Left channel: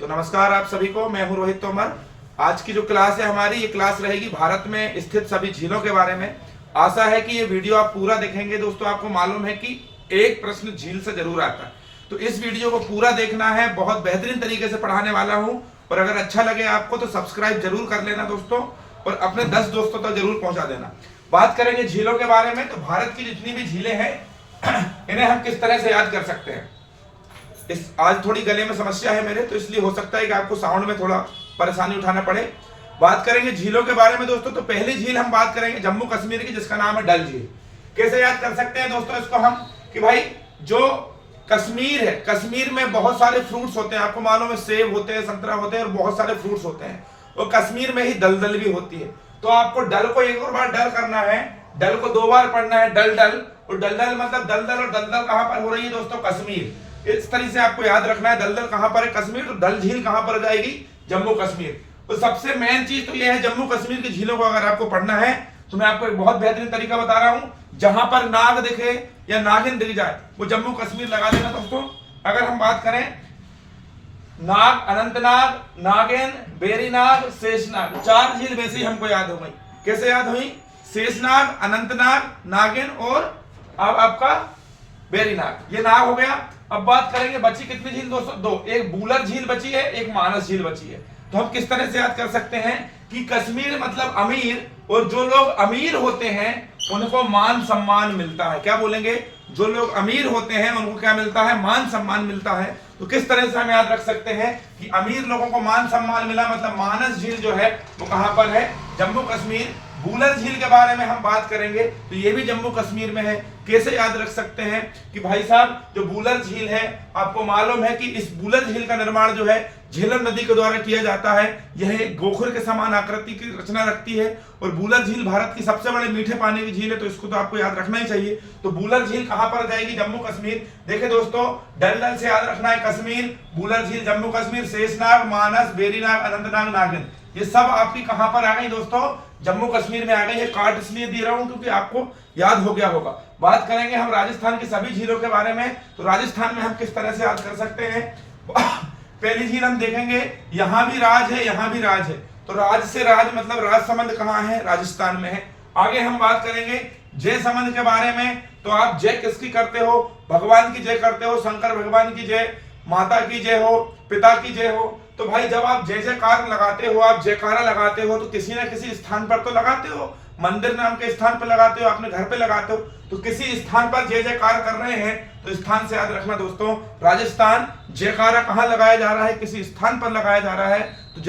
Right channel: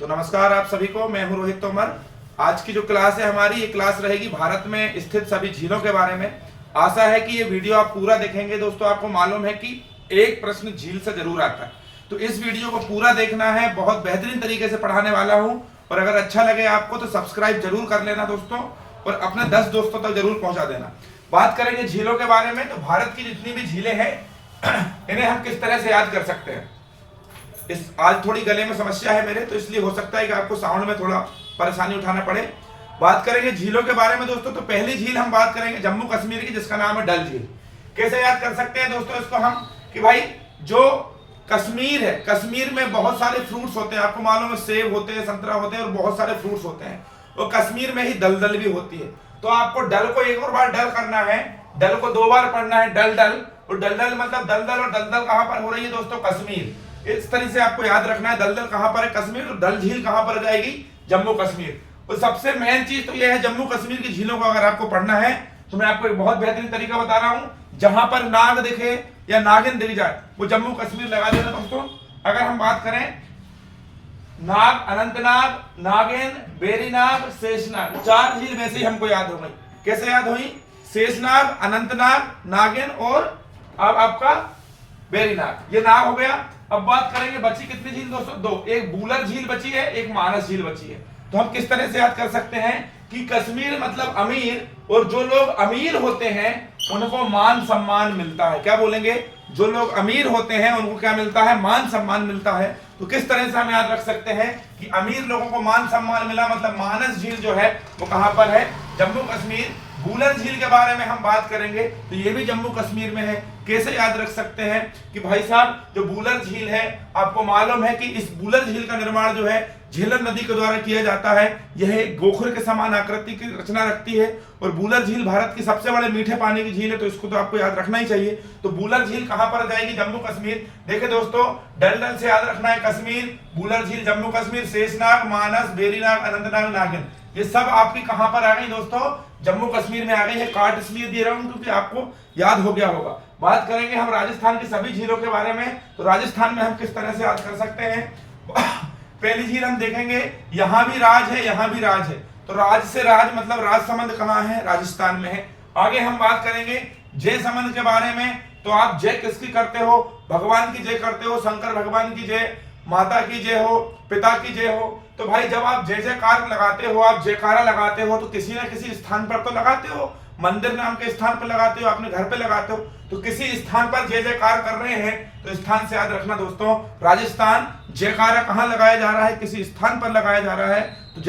तो नमस्कार आप सभी को, मैं हूं रोहित तोमर। आज की जो क्लास है हमारी, ये क्लास रहेगी भारत में स्थित सभी झीलों के बारे में। आशा है कि ये वीडियो आप पूरा देखेंगे। दोस्तों, आपको मालूम है कि एक प्रश्न झील से जरूर आता है, तो इस वीडियो को पूरा देखना है। बहुत बेहतरीन तरीके से पढ़ाने वाला हूं, और अगर अच्छा लगे आपको तो सब्सक्राइब जरूर कर लेना दोस्तों, और अपने 10 दोस्तों तक जरूर पहुंचा देना। बात करेंगे झीलों के बारे में, तो भारत की जितनी भी झीलें हैं इन्हें हम किस तरह से याद कर सकते हैं। आज थोड़ी गले में समस्या है मेरे, तो इसलिए हो सकता है कि आपको साउंड में थोड़ा परेशानी उठाना पड़े। बात करेंगे झीलों के बारे में दोस्तों, तो पहली झील हम बात करेंगे जम्मू कश्मीर की, जिसका नाम है डल झील। कैसे याद कर सकते हैं दोस्तों इसको हम, कि भाई जो कश्मीर है, कश्मीर में बहुत सारे फ्रूट्स होते हैं। आपको मालूम है, सेब होते हैं, संतरा होते हैं, और बहुत सारे फ्रूट्स होते हैं। और कश्मीर में ही दलदल भी होती है। तो आपको डल को एक और बार डल करना है, डल को 2 बार पढ़ना है, डल डल। और दलदल मतलब दलदल, और दलदल कहां पर हो रही है दोस्तों? कश्मीर। इस तरह से आपको याद रखना है, दलदल कहां पर है? कश्मीर। तो डल झील कहां पर जाएगी? जम्मू कश्मीर। तो सबसे मेन चीज तो यह है, जम्मू कश्मीर की झीलों को अगर आपको पढ़ना है तो मैं आपको एक बहुत बेहतरीन तरीका बता रहा हूं। जहां पर नाग दिखे या नागिन दिख जाए वो जम्मू कश्मीर लगा देना दोस्तों। अगर हम बात करें, नाग, अनंतनाग, नागिन, बेरीनाग, शेषनाग, 4 झील वैसे ही हमको याद हो गई। कैसे याद हुई? शेषनाग, अनंतनाग, नागिन और अब आपका बेरीनाग। ये नाग हो गया। अब बात करेंगे बची कितनी झील दोस्तों? 2। एक बूलर झील बची है, एक मानस झील बची है। तो हम किस तरह से याद कर सकते हैं कि कश्मीर मतलब अमीर, और जो लोग अमीर होते हैं उनको मान सम्मान मिलता है। क्या बोलेंगे? जो लोग अमीर होते हैं उनको क्या मिलता है? मान सम्मान मिलता है। तो किस तरह से हम याद रख सकते हैं कि अमीर लोगों को मान सम्मान मिला, मतलब मानस झील जो है वो कहां पर है? जम्मू कश्मीर। बूलर झील के बारे में हम बात करेंगे तो ये भी जम्मू कश्मीर में है। कैसे याद रख सकते हैं कि भाई साहब, जो बूलर झील है, आपको मालूम है कि इस बूलर झील का निर्माण जो है झेलम नदी के द्वारा किया जाता है। यह गोखर के समान आकृति की रचना रखती है, और बूलर झील भारत की सबसे बड़े मीठे पानी की झील है। तो इसको तो आपको याद रखना ही चाहिए। तो बूलर झील कहां पर जाएगी? जम्मू कश्मीर। देखिए दोस्तों, डल से याद रखना है कश्मीर, बूलर झील जम्मू कश्मीर, शेषनाग, मानस, बेरीनाग, अनंतनाग, नागिन, ये सब आपकी कहां पर आ गई दोस्तों? जम्मू कश्मीर में आ गई है। कार्ड इसलिए दे रहा हूं क्योंकि आपको याद हो गया होगा। बात करेंगे हम राजस्थान की सभी झीलों के बारे में, तो राजस्थान में हम किस तरह से याद कर सकते हैं। पहली झील हम देखेंगे, यहां भी राज है, यहां भी राज है। तो राज से राज मतलब राजसमंद कहां है? राजस्थान में है। आगे हम बात करेंगे जय समंद के बारे में। तो आप जय किसकी करते हो? भगवान की जय करते हो, शंकर भगवान की जय, माता की जय हो, पिता की जय हो। तो भाई जब आप जय जयकार लगाते हो, आप जयकारा लगाते हो, तो किसी न किसी स्थान पर तो लगाते हो। मंदिर नाम के स्थान पर लगाते हो, अपने घर पे लगाते हो, तो किसी स्थान पर जय जयकार कर रहे हैं, तो स्थान से याद रखना दोस्तों, राजस्थान। जयकारा कहां लगाया जा रहा है? किसी स्थान पर लगाया जा रहा है। तो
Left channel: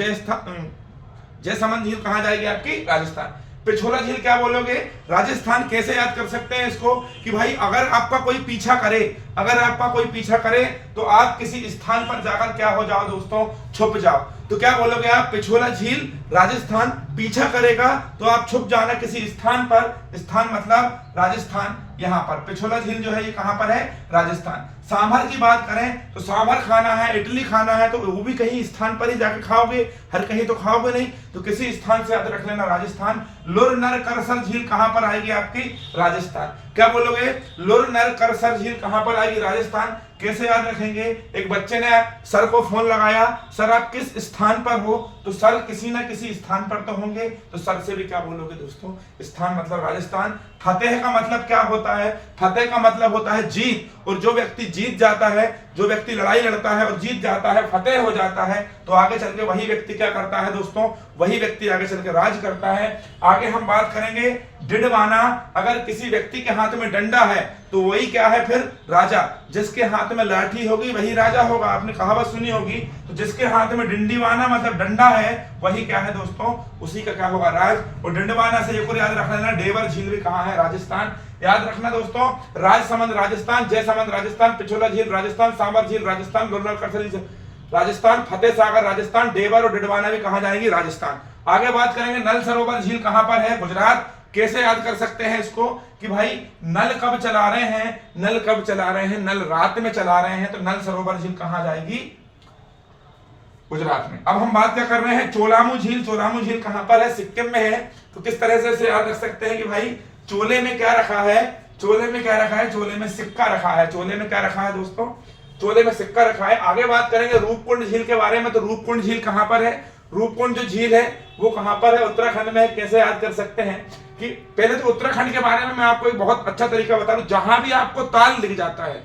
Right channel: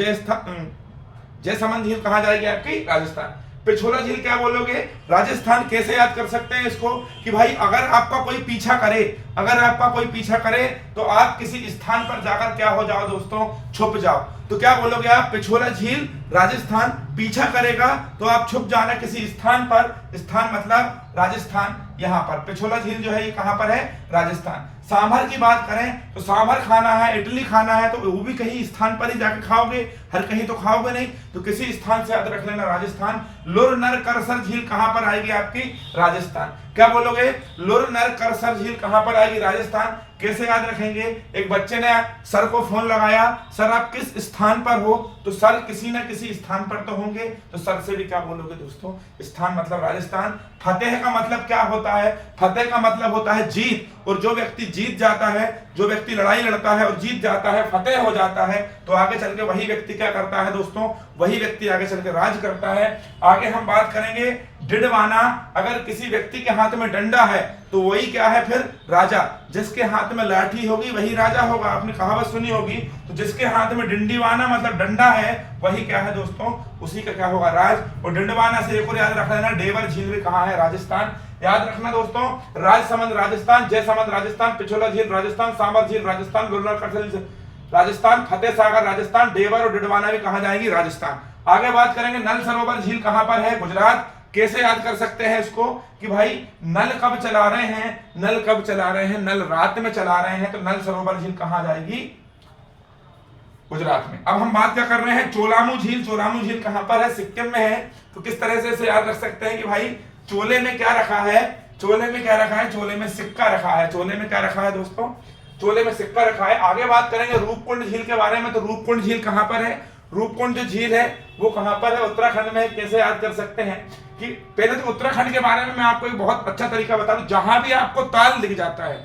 जय समंद झील कहां जाएगी आपकी? राजस्थान। पिछोला झील क्या बोलोगे? राजस्थान। कैसे याद कर सकते हैं इसको कि भाई अगर आपका कोई पीछा करे, अगर आपका कोई पीछा करे तो आप किसी स्थान पर जाकर क्या हो जाओ दोस्तों? छुप जाओ। तो क्या बोलोगे आप? पिछोला झील राजस्थान। पीछा करेगा तो आप छुप जाना किसी स्थान पर, स्थान मतलब राजस्थान। यहां पर पिछोला झील जो है ये कहां पर है? राजस्थान। सांभर की बात करें तो सांभर खाना है, इडली खाना है, तो वो भी कहीं स्थान पर ही जाके खाओगे, हर कहीं तो खाओगे नहीं। तो किसी स्थान से याद रख लेना, राजस्थान। लुर नर करसर झील कहां पर आएगी आपकी? राजस्थान। क्या बोलोगे? लुर नर करसर झील कहां पर आएगी? राजस्थान। कैसे याद रखेंगे? एक बच्चे ने सर को फोन लगाया, सर आप किस स्थान पर हो? तो सर किसी न किसी स्थान पर तो होंगे, तो सर से भी क्या बोलोगे दोस्तों? स्थान मतलब राजस्थान। फतेह का मतलब क्या होता है? फतेह का मतलब होता है जीत, और जो व्यक्ति जीत जाता है, जो व्यक्ति लड़ाई लड़ता है और जीत जाता है, फतेह हो जाता है, तो आगे चल के वही व्यक्ति क्या करता है दोस्तों? वही व्यक्ति आगे चल के राज करता है। आगे हम बात करेंगे डिडवाना। अगर किसी व्यक्ति के हाथ में डंडा है तो वही क्या है फिर? राजा। जिसके हाथ में लाठी होगी वही राजा होगा। आपने कहावत सुनी होगी। तो जिसके हाथ में डिंडीवाना मतलब डंडा है वही क्या है दोस्तों? उसी का क्या होगा? राज। और डिंडवाना से एक और याद रख लेना, डेवर झील भी कहां है? राजस्थान। याद रखना दोस्तों, राजसमंद राजस्थान, जयसमंद राजस्थान, पिछोला झील राजस्थान, सांभर झील राजस्थान, लुलर करसर झील राजस्थान, फतेह सागर राजस्थान, डेवर और डिडवाना भी कहां जाएंगी? राजस्थान। आगे बात करेंगे नल सरोवर झील कहां पर है? गुजरात। कैसे याद कर सकते हैं इसको कि भाई नल कब चला रहे हैं? नल कब चला रहे हैं? नल रात में चला रहे हैं, तो नल सरोवर झील कहां जाएगी? गुजरात में। अब हम बात क्या कर रहे हैं? चोलामू झील। चोलामू झील कहां पर है? सिक्किम में है। तो किस तरह से इसे याद रख सकते हैं कि भाई चोले में क्या रखा है? चोले में क्या रखा है? चोले में सिक्का रखा है। चोले में क्या रखा है दोस्तों? चोले में सिक्का रखा है। आगे बात करेंगे रूपकुंड झील के बारे में। तो रूपकुंड झील कहां पर है? रूपकुंड जो झील है वो कहां पर है? उत्तराखंड में है। कैसे याद कर सकते हैं कि पहले तो उत्तराखंड के बारे में मैं आपको एक बहुत अच्छा तरीका बता दूं। जहां भी आपको ताल दिख जाता है,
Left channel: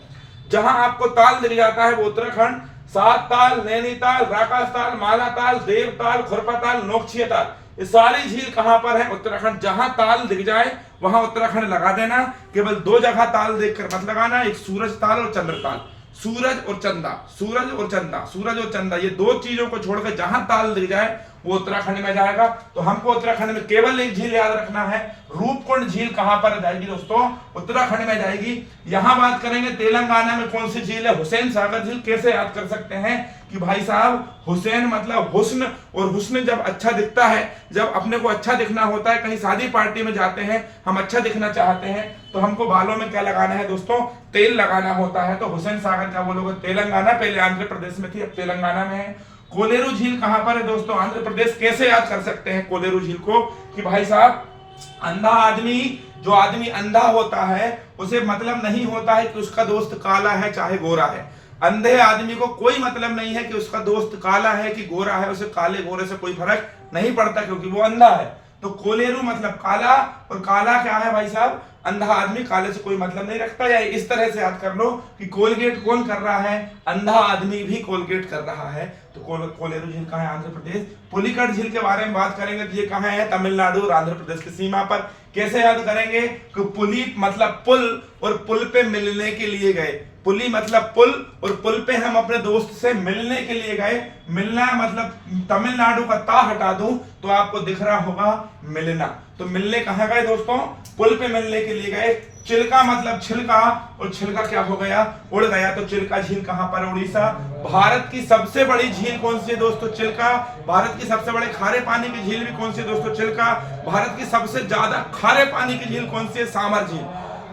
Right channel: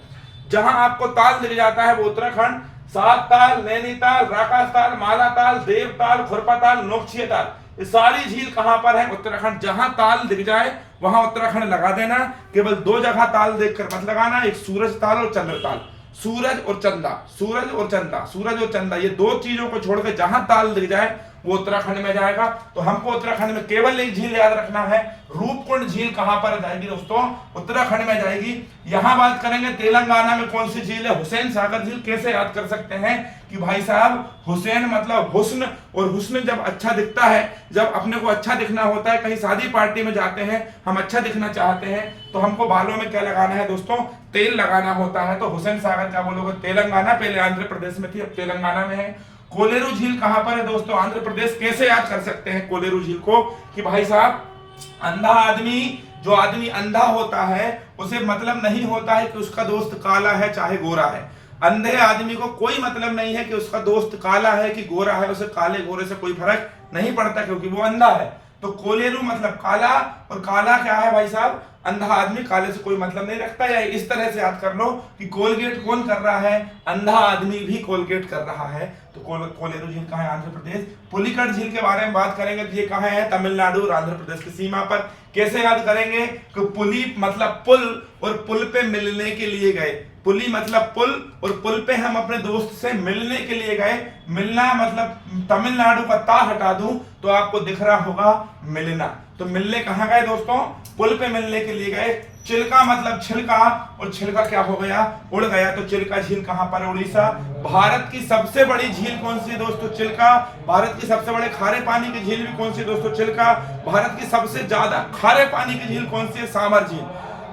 जहां आपको ताल दिख जाता है वो उत्तराखंड। सात ताल, नैनीताल, राकासताल, मालाताल, देवताल, खुरपाताल, नोकछिया ताल, ये सारी झील कहां पर है? उत्तराखंड। जहां ताल दिख जाए वहां उत्तराखंड लगा देना। केवल दो जगह ताल देखकर मत लगाना, एक सूरज ताल और चंद्र ताल। सूरज और चंदा, सूरज और चंदा, सूरज और चंदा, ये दो चीजों को छोड़कर जहां ताल दिख जाए वो उत्तराखंड में जाएगा। तो हमको उत्तराखंड में केवल एक झील याद रखना है, रूपकुंड झील कहां पर जाएगी दोस्तों? उत्तराखंड में जाएगी। यहां बात करेंगे तेलंगाना में कौन सी झील है? हुसैन सागर झील। कैसे याद कर सकते हैं कि भाई साहब हुसैन मतलब हुस्न, और हुस्न जब अच्छा दिखता है, जब अपने को अच्छा दिखना होता है, कहीं शादी पार्टी में जाते हैं, हम अच्छा दिखना चाहते हैं, तो हमको बालों में क्या लगाना है दोस्तों? तेल लगाना होता है। तो हुसैन सागर क्या बोलोगे? तेलंगाना। पहले आंध्र प्रदेश में थी, अब तेलंगाना में है। कोलेरू झील कहां पर है दोस्तों? आंध्र प्रदेश। कैसे याद कर सकते हैं कोलेरू झील को कि भाई साहब अंधा आदमी, जो आदमी अंधा होता है उसे मतलब नहीं होता है कि उसका दोस्त काला है चाहे गोरा है। अंधे आदमी को कोई मतलब नहीं है कि उसका दोस्त काला है कि गोरा है, उसे काले गोरे से कोई फर्क नहीं पड़ता क्योंकि वो अंधा है। तो कोलेरू मतलब काला, और काला क्या है भाई साहब? अंधा आदमी। काले से कोई मतलब नहीं रखता। या इस तरह से याद कर लो कि कोलगेट कौन कर रहा है? अंधा आदमी भी कोलगेट कर रहा है। तो कोलेरू झील कहां है? आंध्र प्रदेश। पुलिकट झील के बारे में बात करेंगे तो ये कहां है? तमिलनाडु और आंध्र प्रदेश की सीमा पर। कैसे याद करेंगे कि पुली मतलब पुल, और पुल पे मिलने के लिए गए। पुली मतलब पुल, और पुल पे हम अपने दोस्त से मिलने के लिए गए। मिलना मतलब तमिलनाडु का ता हटा दूं तो आपको दिख रहा होगा मिलना। तो मिलने कहां गए दोस्तों? पुल पे मिलने के लिए गए। चिल्का मतलब छिलका, और छिलका क्या हो गया? उड़ गया। तो चिल्का झील कहां पर? उड़ीसा। भारत की सबसे बड़ी झील कौन सी है दोस्तों? चिल्का। भारत की सबसे बड़े खारे पानी की झील भी कौन सी है दोस्तों? चिल्का। भारत की सबसे ज्यादा खारे पानी की झील कौन सी है? सांभर झील।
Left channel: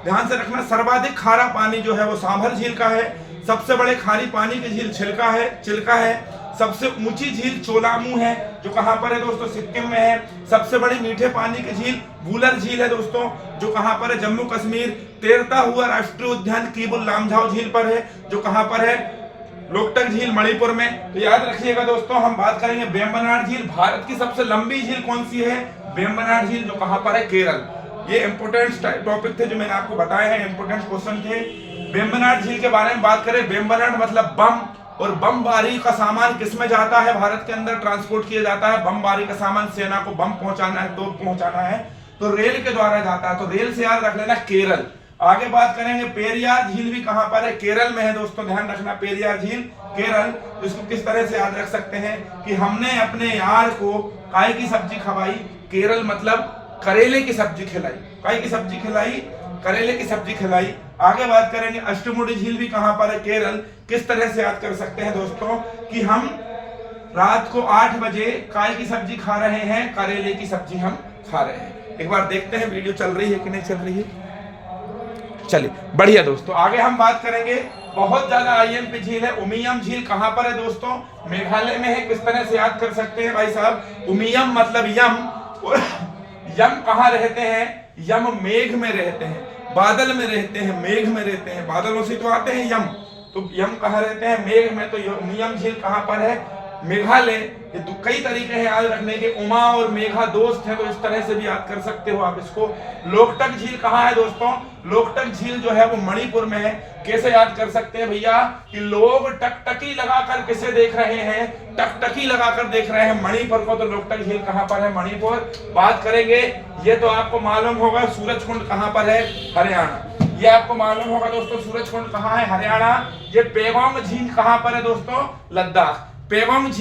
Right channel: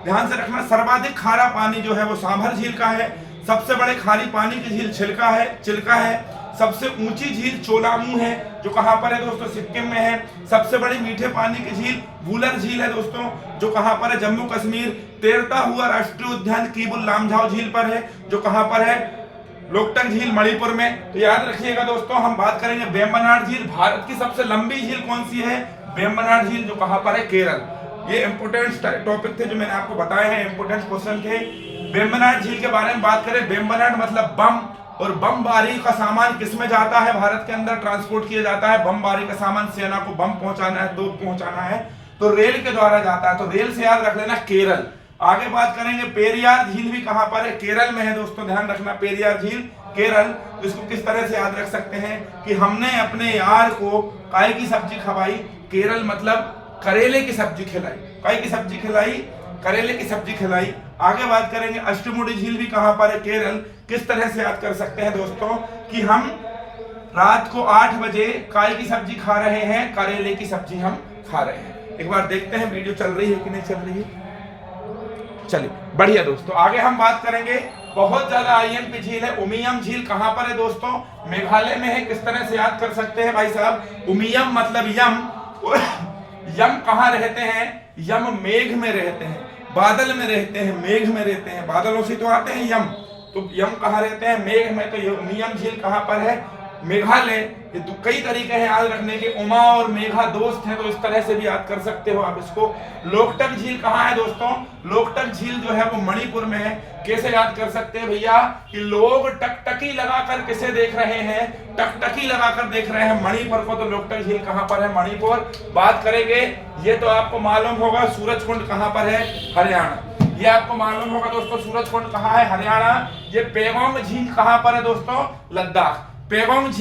ध्यान से रखना, सर्वाधिक खारा पानी जो है वो सांभर झील का है। सबसे बड़े खारी पानी की झील चिल्का है। सबसे ऊंची झील चोलामू है, जो कहां पर है दोस्तों? सिक्किम में है। सबसे बड़ी मीठे पानी की झील वुलर झील है दोस्तों, जो कहां पर है? जम्मू कश्मीर। तैरता हुआ राष्ट्रीय उद्यान किबुल लामझाओ झील पर है, जो कहां पर है? लोकटक झील मणिपुर में। तो याद रखिएगा दोस्तों, हम बात करेंगे वेम्बनाड झील। भारत की सबसे लंबी झील कौन सी है? वेम्बनाड झील, जो कहां पर है? केरल। ये इंपोर्टेंट टॉपिक थे जो मैंने आपको बताए हैं, इंपोर्टेंट क्वेश्चन थे। वेम्बनाड झील के बारे में बात करें, वेम्बनाड मतलब बम, और बमबारी का सामान किसमें जाता है? भारत के अंदर ट्रांसपोर्ट किया जाता है। बमबारी का सामान सेना को बम पहुंचाना है, तोप पहुंचाना है, तो रेल के द्वारा जाता है। तो रेल से याद रख लेना केरल। आगे बात करेंगे पेरियार झील भी कहां पर है? केरल में है दोस्तों, ध्यान रखना। पेरियार झील केरल। इसको किस तरह से याद रख सकते हैं कि हमने अपने यार को काय की सब्जी खवाई। केरल मतलब करेले की सब्जी खिलाई। काय की सब्जी खिलाई, करेले की सब्जी खिलाई। आगे बात करेंगे अष्टमुडी झील भी कहां पर है? केरल। किस तरह से याद कर सकते हैं दोस्तों कि हम रात को 8 बजे काय की सब्जी खा रहे हैं, करेले की सब्जी हम खा रहे हैं। एक बार देखते हैं वीडियो चल रही है कि नहीं चल रही है। चलिए बढ़िया दोस्तों, आगे हम बात करेंगे बहुत ज्यादा आईएमपी झील है। उमियम झील कहां पर है दोस्तों? मेघालय में है। किस तरह से याद कर सकते हैं भाई साहब? उमियम मतलब यम, और यम कहां रहते हैं? यम मेघ में रहते हैं, बादल में रहते हैं, मेघ में रहते हैं। बादलों से तो आते हैं यम, तो यम कहां रहते हैं? मेघ में। तो ये उमियम झील कहां पर है? मेघालय। ये तो कई तरीके हैं याद रखने के। उमा और मेघा दोस्त हैं, तो इस तरह से भी याद कर सकते हो आप इसको। लोकटक झील कहां है दोस्तों? लोकटक झील जो है वो मणिपुर में है। कैसे याद कर सकते हैं भैया कि लोग टकटकी लगाकर किसे देख रहे हैं? टकटकी लगाकर देख रहे हैं मणिपुर को। तो लोकटक झील कहां पर है? मणिपुर। बात करेंगे, ये तो आपको मालूम होगा, सूरजकुंड कहां पर है? हरियाणा। ये आपको मालूम होगा दोस्तों, सूरजकुंड कहां है? हरियाणा। ये पेगोंग झील कहां पर है दोस्तों? लद्दाख। पेगोंग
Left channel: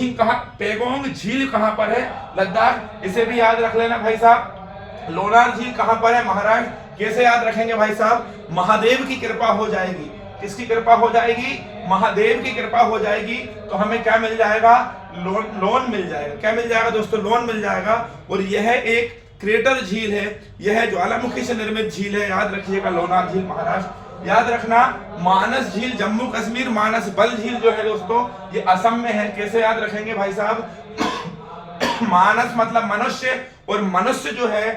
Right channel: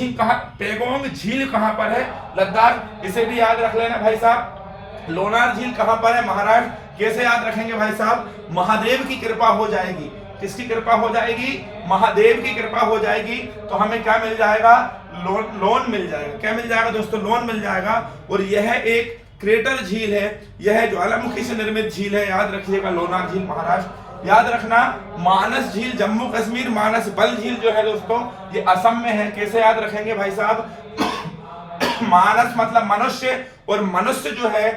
झील कहां पर है? लद्दाख। इसे भी याद रख लेना भाई साहब। लोनार झील कहां पर है? महाराष्ट्र। कैसे याद रखेंगे भाई साहब? महादेव की कृपा हो जाएगी। किसकी कृपा हो जाएगी? महादेव की कृपा हो जाएगी, तो हमें क्या मिल जाएगा? लोन मिल जाएगा। क्या मिल जाएगा दोस्तों? लोन मिल जाएगा। और यह एक क्रेटर झील है, यह ज्वालामुखी से निर्मित झील है। याद रखिएगा, लोनार झील महाराष्ट्र। याद रखना, मानस झील जम्मू कश्मीर। मानस बल झील जो है दोस्तों ये असम में है। कैसे याद रखेंगे भाई साहब? मानस मतलब मनुष्य, और मनुष्य जो है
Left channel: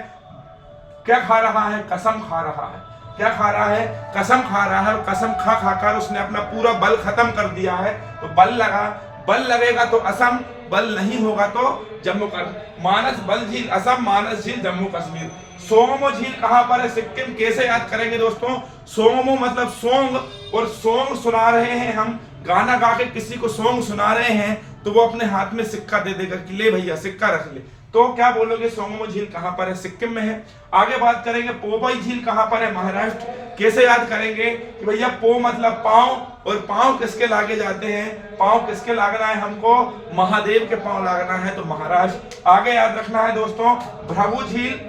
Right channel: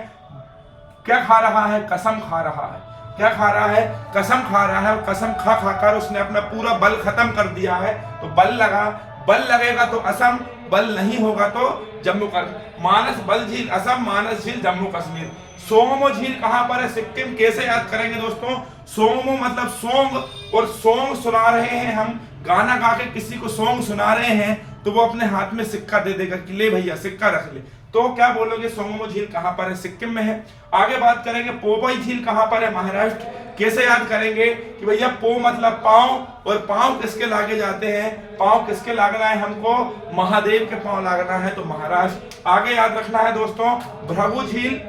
क्या खा रहा है? कसम खा रहा है। क्या खा रहा है, कसम खा रहा है, और कसम खा खाकर उसने अपना पूरा बल खत्म कर दिया है। तो बल लगा, बल लगेगा तो असम, बल नहीं होगा तो जम्मू कश्मीर। मानस बल झील असम, मानस झील जम्मू कश्मीर। सोंगमो झील कहां पर है, सिक्किम। कैसे याद करेंगे दोस्तों, सोंगमो मतलब सोंग, और सोंग सुना रहे हैं हम, गाना गा के किसी को सोंग सुना रहे हैं तो वो अपने हाथ में सिक्का दे देगा कि ले भैया सिक्का रख ले। तो क्या बोलोगे, सोंगमो झील कहां पर है, सिक्किम में है। आगे बात करेंगे पोबई झील कहां पर है, महाराष्ट्र। कैसे याद करेंगे कि भैया पो मतलब पांव, और पांव किसके लागे जाते हैं, पांव किसके लागना है हमको, महादेव के पांव लागना है, तो महाराष्ट्र। आगे याद रखना है दोस्तों, भृगु झील,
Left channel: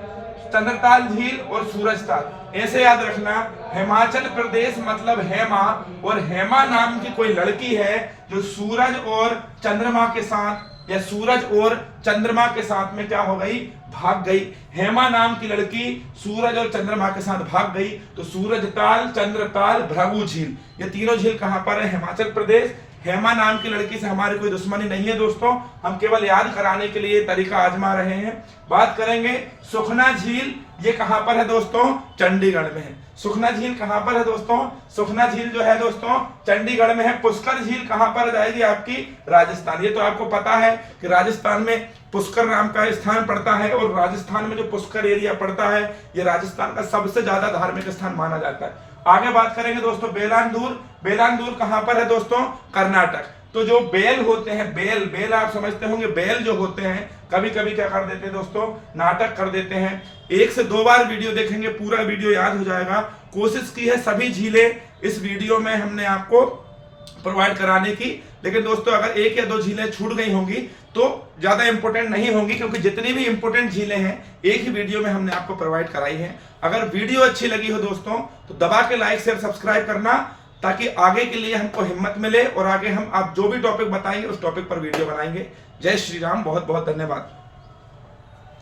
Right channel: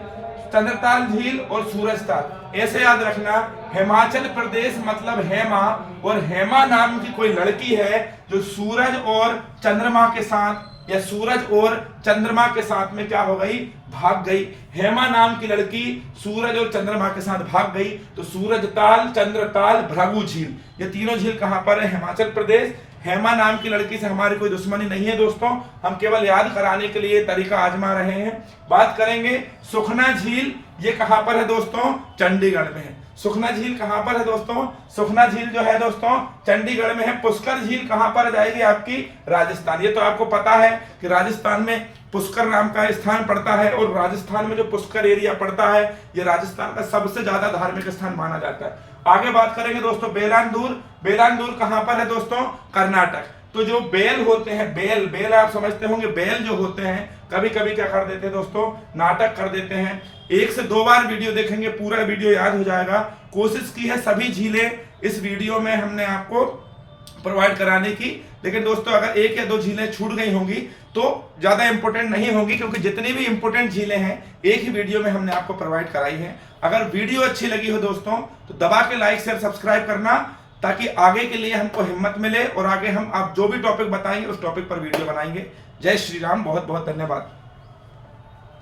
चंद्रताल झील और सूरजताल। ऐसे याद रखना, हिमाचल प्रदेश मतलब हेमा, और हेमा नाम की कोई लड़की है जो सूरज और चंद्रमा के साथ, या सूरज और चंद्रमा के साथ में क्या हो गई, भाग गई। हेमा नाम की लड़की सूरज और चंद्रमा के साथ भाग गई। तो सूरजताल, चंद्रताल, भृगु झील, ये तीनों झील कहां पर है, हिमाचल प्रदेश। हेमा नाम की लड़की से हमारी कोई दुश्मनी नहीं है दोस्तों, हम केवल याद कराने के लिए तरीका आजमा रहे हैं। बात करेंगे सुखना झील, ये कहां पर है दोस्तों, चंडीगढ़ में है। सुखना झील कहां पर है दोस्तों, सुखना झील जो है दोस्तों चंडीगढ़ में है। पुष्कर झील कहां पर जाएगी आपकी, राजस्थान। ये तो आपको पता है कि राजस्थान में पुष्कर नाम का स्थान पड़ता है, और राजस्थान में जो पुष्कर एरिया पड़ता है ये राजस्थान का सबसे ज्यादा धार्मिक स्थान माना जाता है। आगे बात करेंगे दोस्तों बेलांदूर, बेलांदूर कहां पर है दोस्तों, कर्नाटक। तो जो बेल होते हैं, बेल बेल आप समझते होंगे, बेल जो होते हैं कभी कभी क्या कर देते हैं दोस्तों, नाटक कर देते हैं। 1 से 2 बार वीडियो देखेंगे पूरा वीडियो याद हो जाएगा। कोशिश की है सभी झीलें इस वीडियो में हमने आपको प्रोवाइड कराने की, लेकिन दोस्तों अगर 1 या 2 झीलें छूट गई होंगी तो ज्यादा इंपॉर्टेंट नहीं होंगी, क्योंकि जितनी भी इंपॉर्टेंट झीलें हैं एक ही वीडियो में हमने आपको प्रोवाइड कराई है। अगर वीडियो अच्छी लगी हो दोस्तों तो दबा के लाइक शेयर सब्सक्राइब करना, ताकि आगे के लिए हमको हिम्मत मिले, और आगे हम आप जो भी टॉपिक बताएंगे उस टॉपिक पर वीडियो बनाएंगे। जय श्री राम, बहुत बहुत धन्यवाद।